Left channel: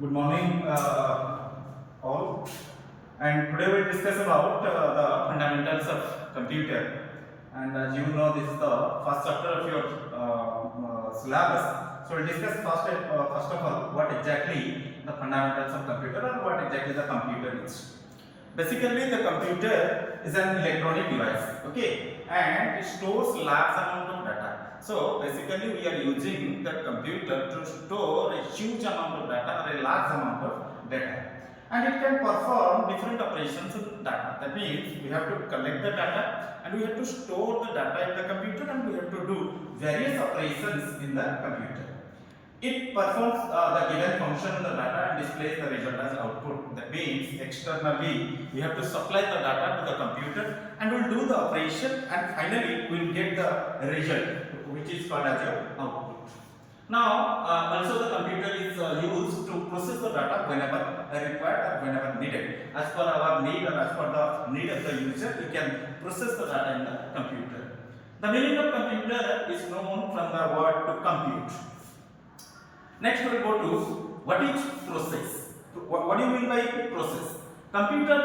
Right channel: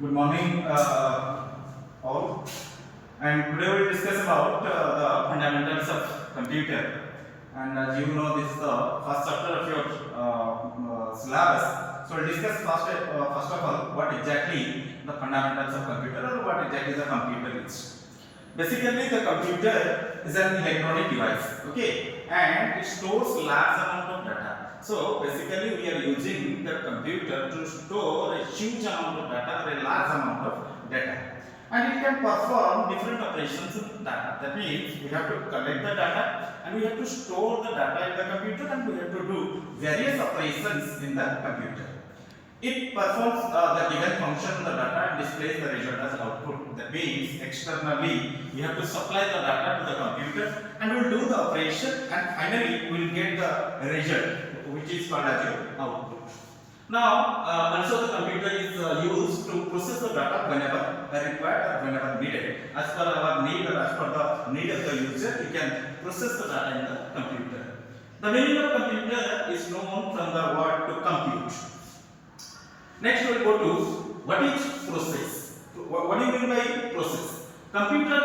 Good morning, all. And today we will discuss about the fundamentals of computer. And as you know, this is the first chapter of your syllabus. So we'll discuss first of all what exactly the fundamentals of computer or what exactly the computer is. Basically, the computer is an electronic device, okay, and it stores large amount of data. So basically, we are using the computer to store a huge amount of data or a large amount of data, and it can perform different operations with data. That means we have to collect the data and we have to store the data in the computer and we have to do various operations in the computer. It performs the given function on the data and displays the result as output. That means externally we have to supply the data to the computer and we'll do the operation and finally we'll get the result which is called as your output. Now also the computer is used to process the data whenever required or whenever needed. As per our need or as per the need of the user, you can process the data in the computer. The meaning of computer is known from the word to compute. Next we will go to what is process. What do you mean by process? Computer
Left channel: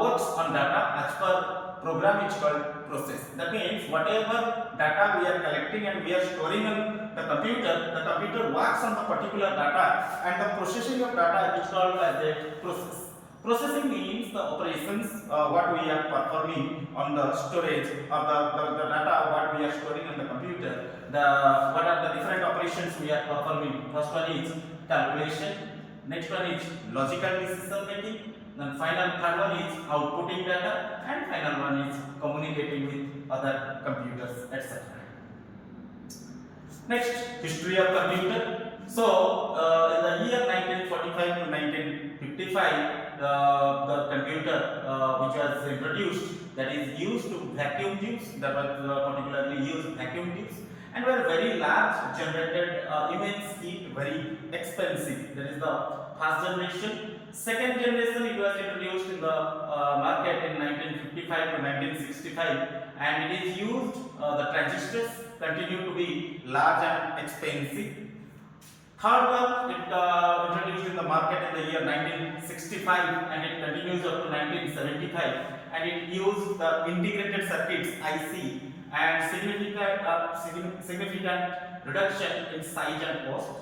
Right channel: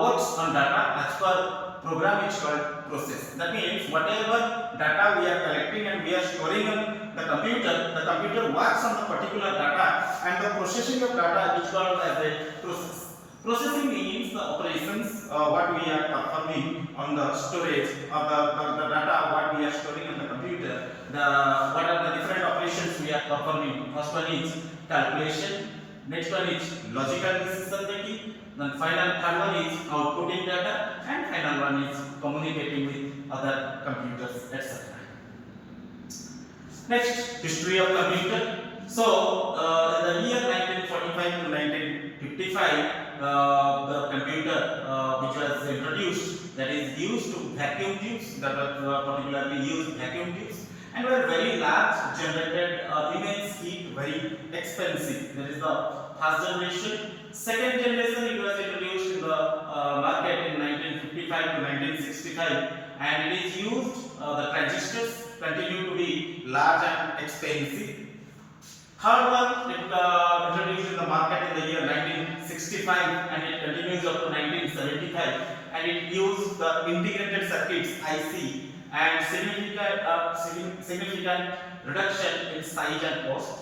works on data as per program which is called process. That means whatever data we are collecting and we are storing on the computer works on the particular data and the processing of data is called as a process. Processing means the operations what we are performing on the storage or the data what we are storing on the computer. What are the different operations we are performing? First one is calculation, next one is logical decision making, then third one is outputting data, and final one is communicating with other computers, etc. Next, history of computer. So in the year 1945 to 1955, the computer which was introduced, that is used to vacuum tubes, that were particularly used vacuum tubes, and were very large, generated immense heat, very expensive. That is the first generation. Second generation, it was introduced in the market in 1955 to 1965, and it is used, the transistors continue to be large and expensive. Third one, it introduced in the market in the year 1965 and it continues up to 1975, and it used the integrated circuits IC and significant reduction in size and cost.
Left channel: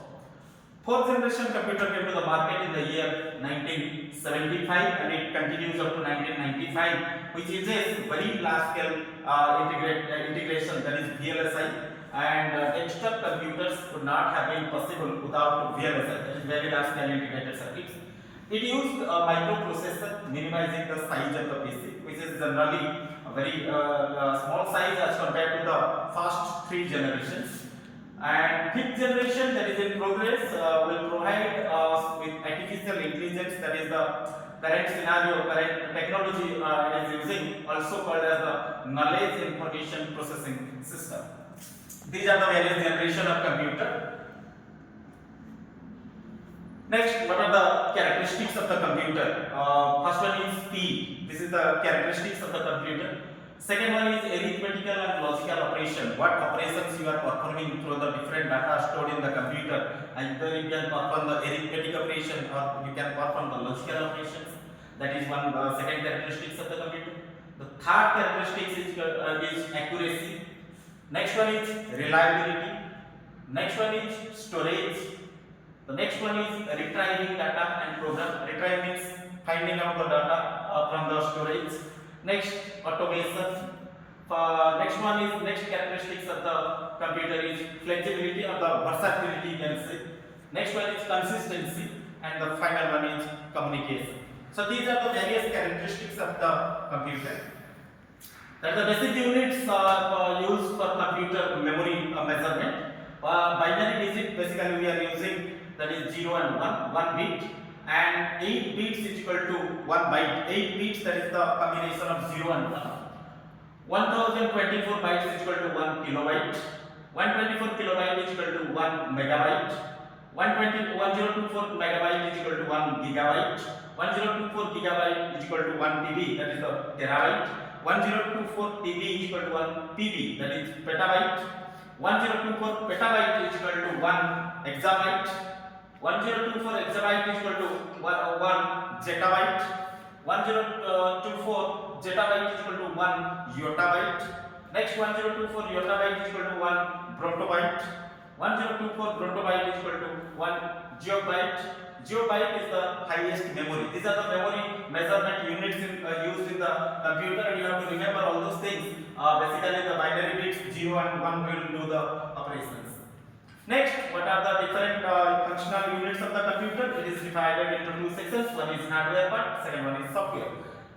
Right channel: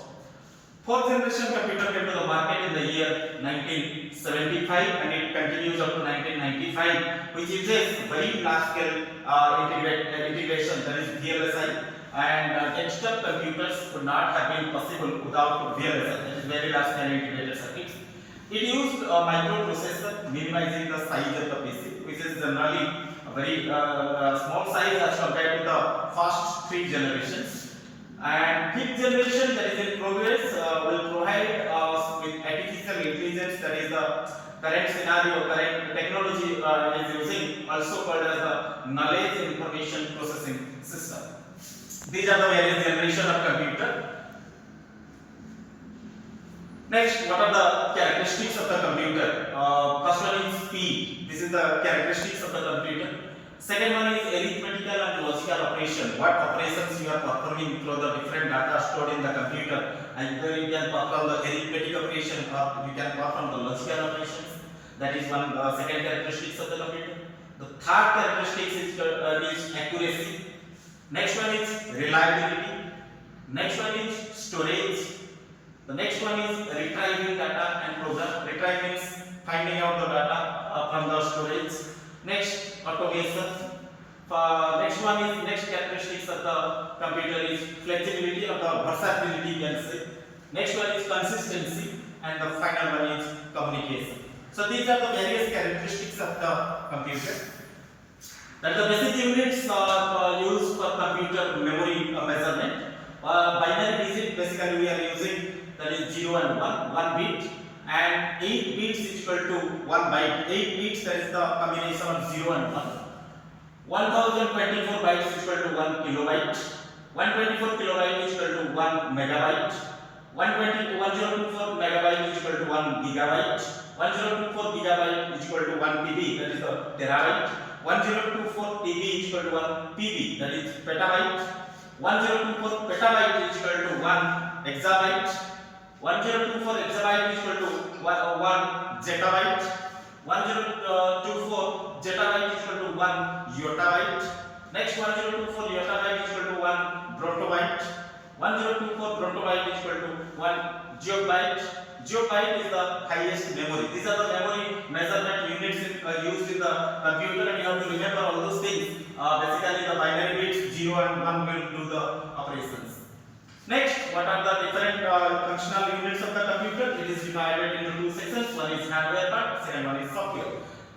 Fourth generation computer came to the market in the year 1975 and it continues up to 1995, which uses very large scale integration, that is VLSI, and desktop computers could not have been possible without VLSI, that is very large scale integrated circuits. It used a microprocessor, minimizing the size of the PC, which is generally a very small size as compared to the first three generations. And fifth generation, that is in progress, will provide us with artificial intelligence, that is the current scenario, current technology is using, also called as the knowledge information processing system. These are the various generation of computer. Next, what are the characteristics of the computer? First one is speed. This is the characteristics of the computer. Second one is arithmetical and logical operation. What operations you are performing through the different data stored in the computer. Either you can perform the arithmetic operation or you can perform the logical operations. That is one second characteristics of the computer. The third characteristic is accuracy. Next one is reliability. Next one is storage. The next one is retrieving data and program. Retrieve means finding out the data from the storage. Next, automation. Next one is next characteristics of the computer is flexibility or the versatility, you can say. Next one is consistency, and the final one is communication. So these are the various characteristics of the computer. That the basic units used for computer memory measurement. Binary digit basically we are using, that is 0 and 1 bit, and 8 bits is equal to 1 byte. 8 bits, that is the combination of 0 and 1. 1024 bytes is equal to 1 kilobyte. 124 kilobyte is equal to 1 megabyte. 1024 megabyte is equal to 1 gigabyte. 1024 gigabyte is equal to 1 TB, that is the terabyte. 1024 TB is equal to 1 PB, that is petabyte. 1024 petabyte is equal to 1 exabyte. 1024 exabyte is equal to 1 zettabyte. 1024 zettabyte is equal to 1 yottabyte. Next 1024 yottabyte is equal to 1 brottobyte. 1024 brottobyte is equal to 1 geobyte. Geobyte is the highest memory. These are the memory measurement units used in the computer, and you have to remember all those things. Basically, the binary bits 0 and 1 will do the operations. Next, what are the different functional units of the computer? It is divided into two sections. One is hardware part, second one is software.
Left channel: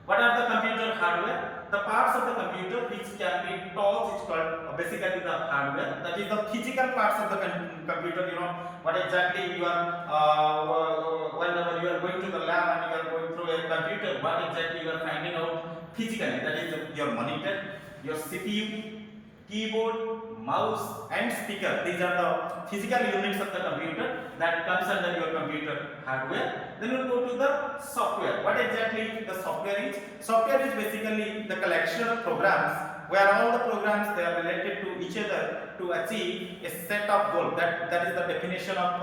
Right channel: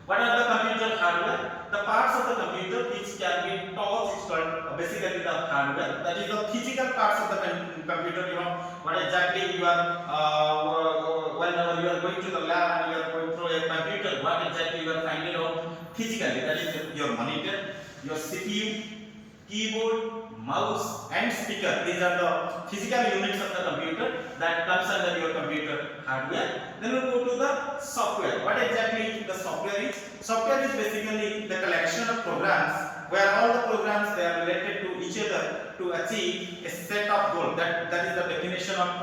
What are the computer hardware? The parts of the computer which can be taught is called basically the hardware. That is the physical parts of the computer. You know what exactly you are whenever you are going to the lab and you are going through a computer, what exactly you are finding out physically. That is your monitor, your CPU, keyboard, mouse and speaker. These are the physical units of the computer that comes under your computer hardware. Then we'll go to the software. What exactly the software is? Software is basically the collection of programs where all the programs they are related to each other to achieve a set of goals. That is the definition of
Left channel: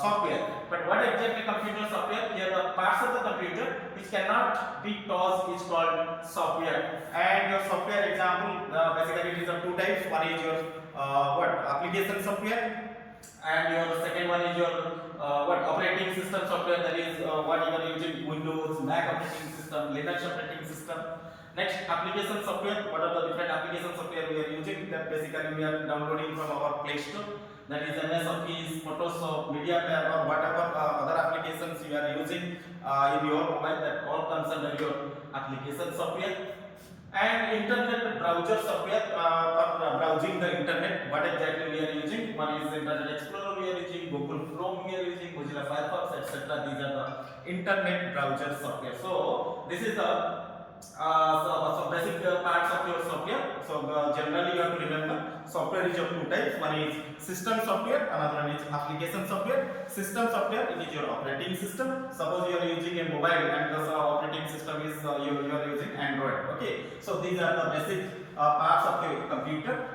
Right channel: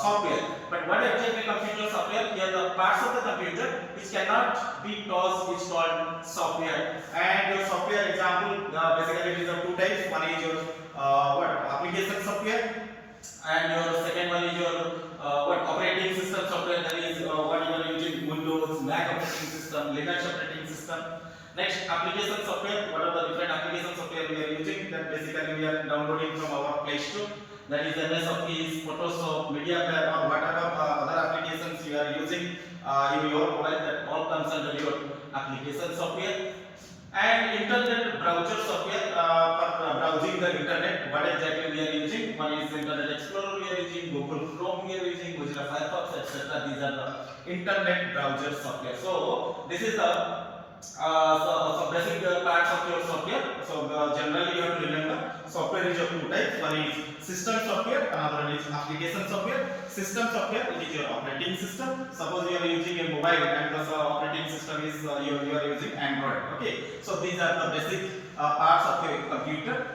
software. But what exactly computer software? Here the parts of the computer which cannot be taught is called software. And your software example basically it is of two types. One is your application software, and your second one is your operating system software. That is what you are using: Windows, Mac operating system, Linux operating system. Next, application software. What are the different application software we are using? That basically we are downloading from our Play Store. That is MS Office, Photoshop, Media Player, or whatever other applications you are using in your mobile. That all comes under your application software. And internet browser software for browsing the internet. What exactly we are using? One is Internet Explorer we are using, Google Chrome we are using, Mozilla Firefox, etc. These are the internet browser software. So this is the basic parts of your software. So generally you have to remember software is of two types. One is system software, another one is application software. System software it is your operating system. Suppose you are using a mobile and the operating system is you are using Android. Okay, so these are the basic parts of your computer.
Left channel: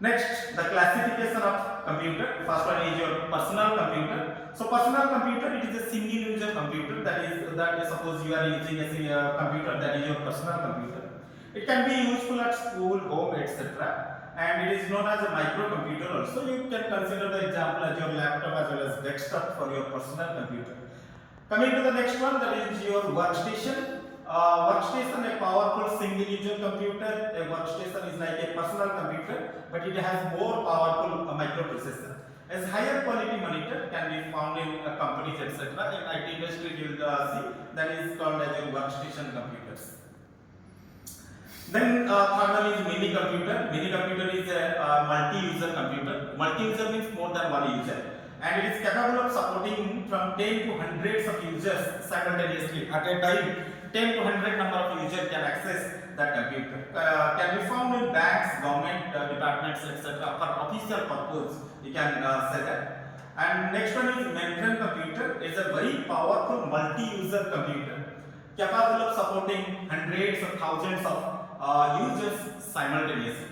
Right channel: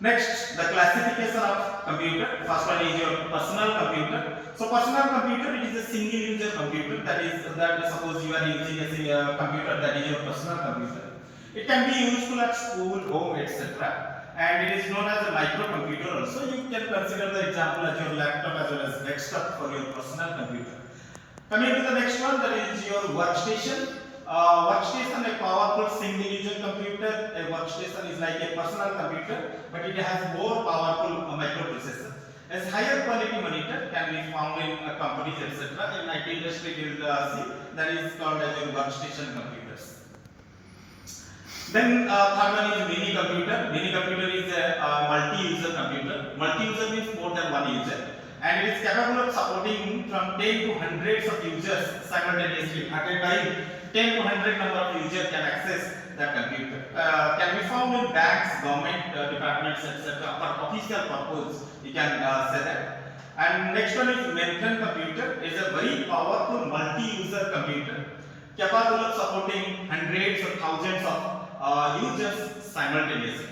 Next, the classification of computer. First one is your personal computer. So personal computer it is a single user computer. That suppose you are using a computer, that is your personal computer. It can be useful at school, home, etc. And it is known as a microcomputer also. You can consider the example as your laptop as well as desktop for your personal computer. Coming to the next one, that is your workstation. Workstation, a powerful single user computer. A workstation is like a personal computer, but it has more powerful microprocessor. As higher quality monitor can be found in companies, etc. In IT industry, you will see that is called as your workstation computers. Then third one is mini computer. Mini computer is a multi-user computer. Multi-user means more than one user, and it is capable of supporting from 10 to hundreds of users simultaneously. At a time, 10 to 100 number of users can access the computer. Can be found in banks, government departments, etc. for official purpose. You can say that. And next one is mainframe computer. It's a very powerful multi-user computer capable of supporting hundreds of thousands of users simultaneously.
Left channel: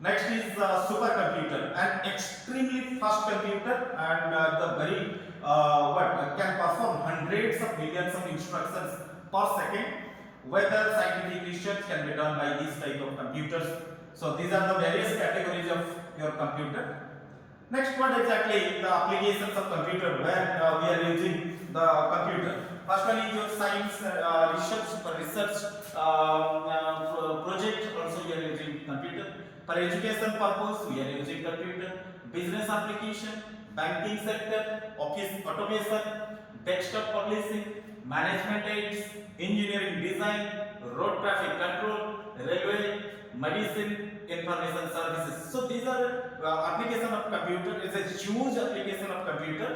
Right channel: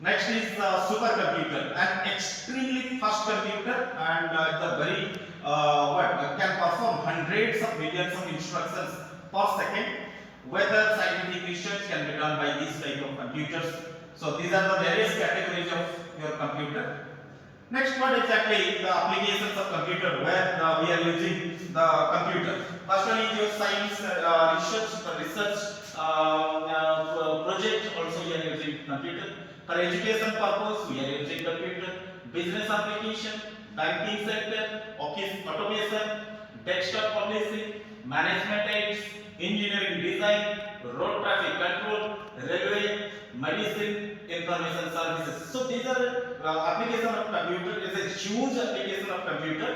Next is supercomputer, an extremely fast computer, and the very can perform hundreds of millions of instructions per second. Whether scientific research can be done by this type of computers. So these are the various categories of your computer. Next, what exactly the applications of computer where we are using the computer? First one is your science research. For research project also we are using computer. For education purpose we are using computer. Business application, banking sector, office automation, desktop publishing, management aids, engineering design, road traffic control, railway, medicine, information services. So these are application of computer. It's a huge application of computer.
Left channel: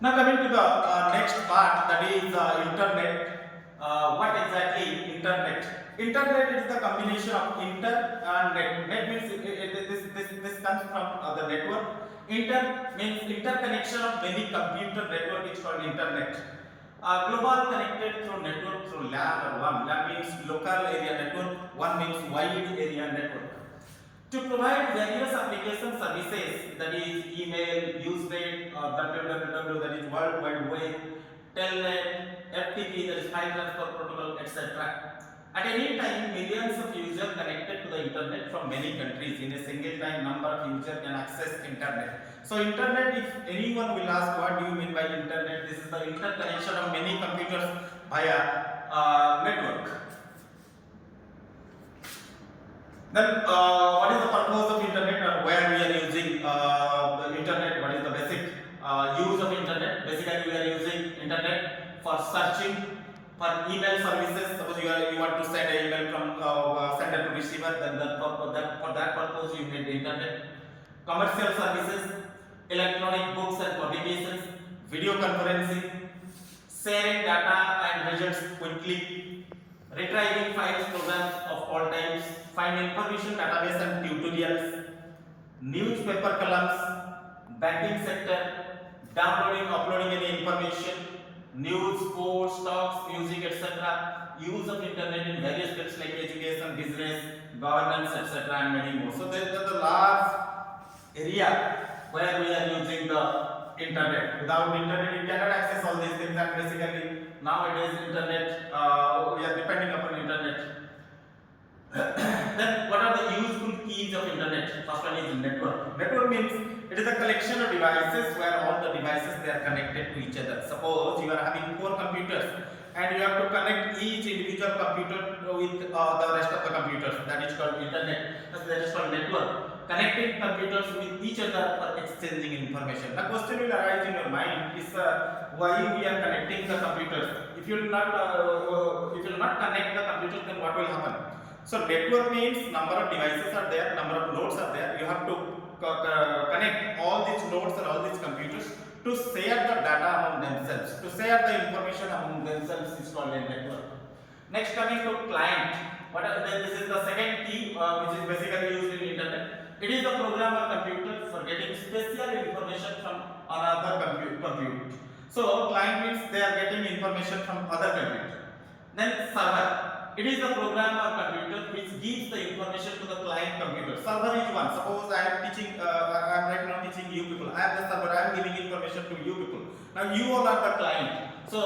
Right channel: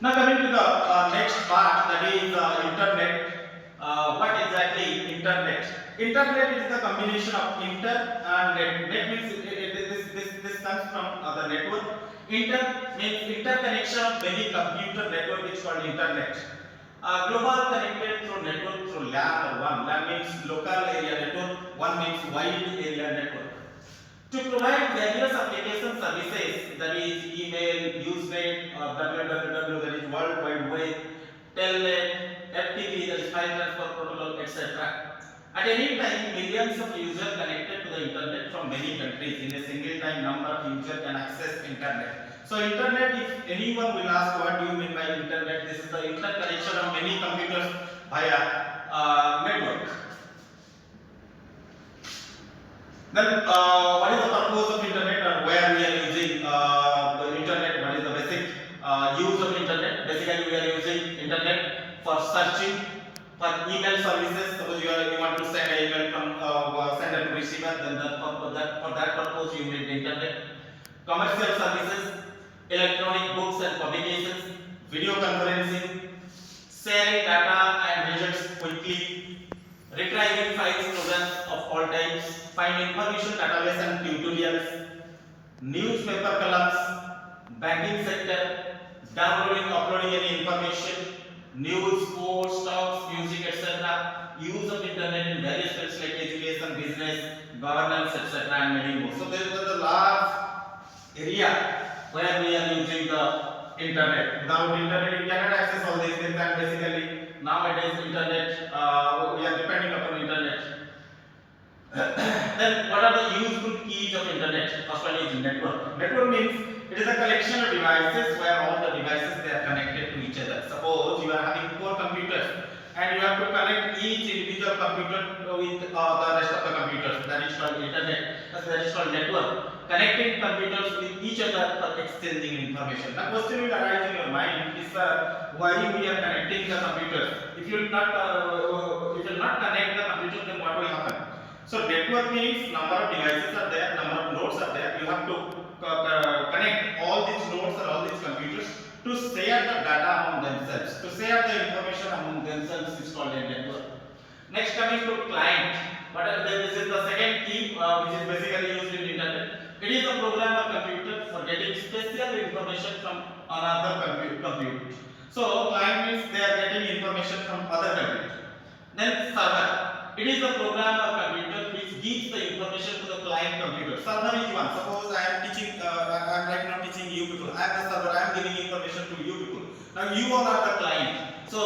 Now coming to the next part, that is internet. What exactly internet? Internet is the combination of inter and net. Net means this comes from the network. Inter means interconnection of many computer network, which is called internet. Global connected through network through LAN or WAN. LAN means local area network, WAN means wide area network. to provide various application services, that is email, Usenet, www, that is World Wide Web, Telnet, FTP, that is file transfer protocol, etc. At any time, millions of users connected to the internet from many countries. In a single time, number of users can access internet. So internet, if anyone will ask what do you mean by internet, this is the interconnection of many computers via network. Then what is the purpose of internet, or where we are using the internet? What is the basic use of internet? Basically, we are using internet for searching, for email services. Suppose you want to send an email from sender to receiver, then for that purpose you need the internet. Commercial services, electronic books and publications, video conferencing, sharing data and results quickly, retrieving files, programs of all types, find information database and tutorials, newspaper columns, banking sector, downloading, uploading any information, news, sports, stocks, music, etc. Use of internet in various fields like education, business, governance, etc. and many more. So there is a large area where we are using the internet. Without internet, you cannot access all these things, and basically nowadays internet, we are depending upon internet. Then what are the useful keys of internet? First one is network. Network means it is a collection of devices where all the devices they are connected to each other. Suppose you are having 4 computers and you have to connect each individual computer with the rest of the computers. That is called internet. That is called network. Connecting computers with each other for exchanging information. The question will arise in your mind is why we are connecting the computers. If you will not connect the computer, then what will happen? So network means number of devices are there, number of nodes are there. You have to connect all these nodes or all these computers to share the data among themselves, to share the information among themselves is called a network. Next, coming to client. This is the second key which is basically used in internet. It is a program or computer for getting special information from another computer. So client means they are getting information from other computer. Then server. It is the program or computer which gives the information to the client computer. Server is one. Suppose I am teaching, I am right now teaching you people. I am the server. I am giving information to you people. Now you all are the client. So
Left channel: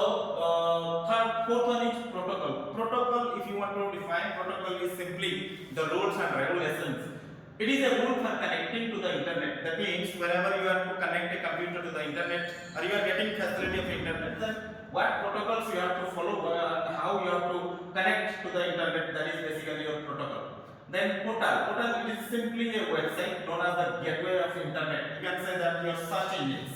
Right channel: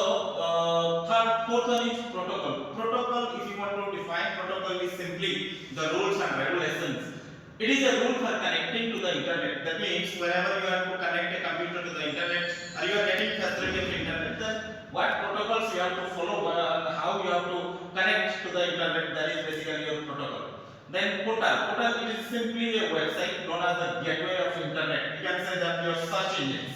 fourth one is protocol. Protocol, if you want to define, protocol is simply the rules and regulations. It is a rule for connecting to the internet. That means whenever you have to connect a computer to the internet, or you are getting facility of internet, then what protocols you have to follow, how you have to connect to the internet, that is basically your protocol. Then portal. Portal is simply a website known as the gateway of internet. You can say that your search engines.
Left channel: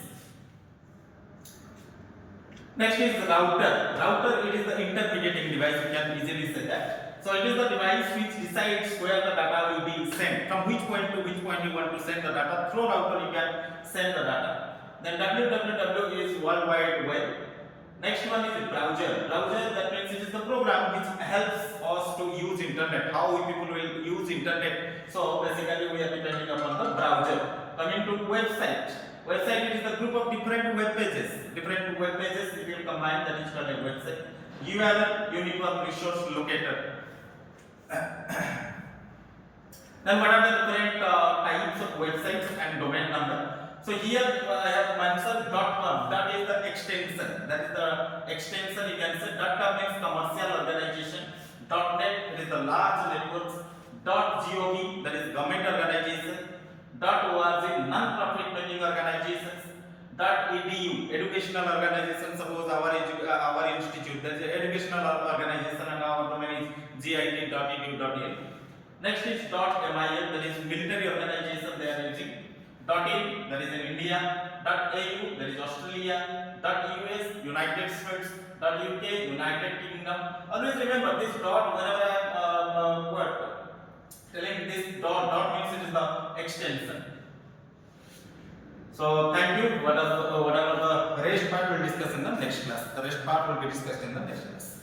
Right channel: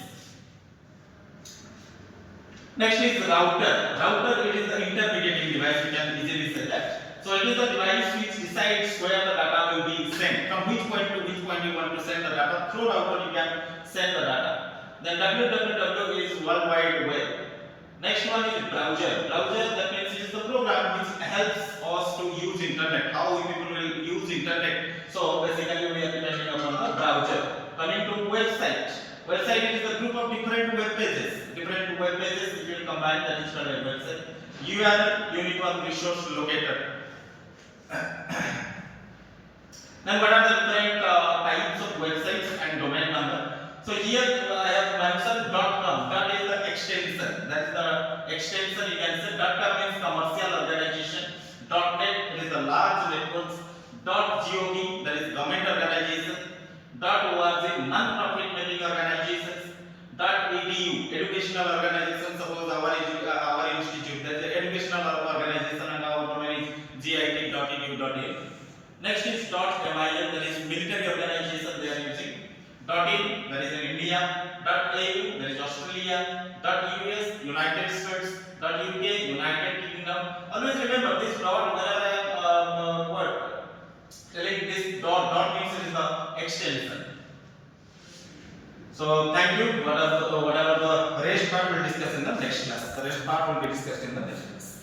Next is the router. Router, it is the intermediating device, we can easily say that. So it is the device which decides where the data will be sent. From which point to which point you want to send the data. Through router you can send the data. Then www is World Wide Web. Next one is browser. Browser, that means it is the program which helps us to use internet. How people will use internet. So basically we are depending upon the browser. Coming to website. Website is the group of different web pages. Different web pages, if you combine, that is called a website. URL, Unique Resource Locator. Then what are the different types of websites and domain number? So here I have mentioned .com. That is the extension. That is the extension. You can say .com means commercial organization. .net is the large networks. .gov, that is government organization. .org, non-profit making organizations. .edu, educational organization. Suppose our institute, that is the educational organization, and our domain is git.edu.in. Next is .mil, that is military organization they are using. .in, that is in India. .au, that is Australia. .us, United States. .uk, United Kingdom. Always remember this dot whenever I am telling this dot means it is the extension. So thank you. Whatever the rest part will discuss in the next class. The rest part will be discussed in the next class.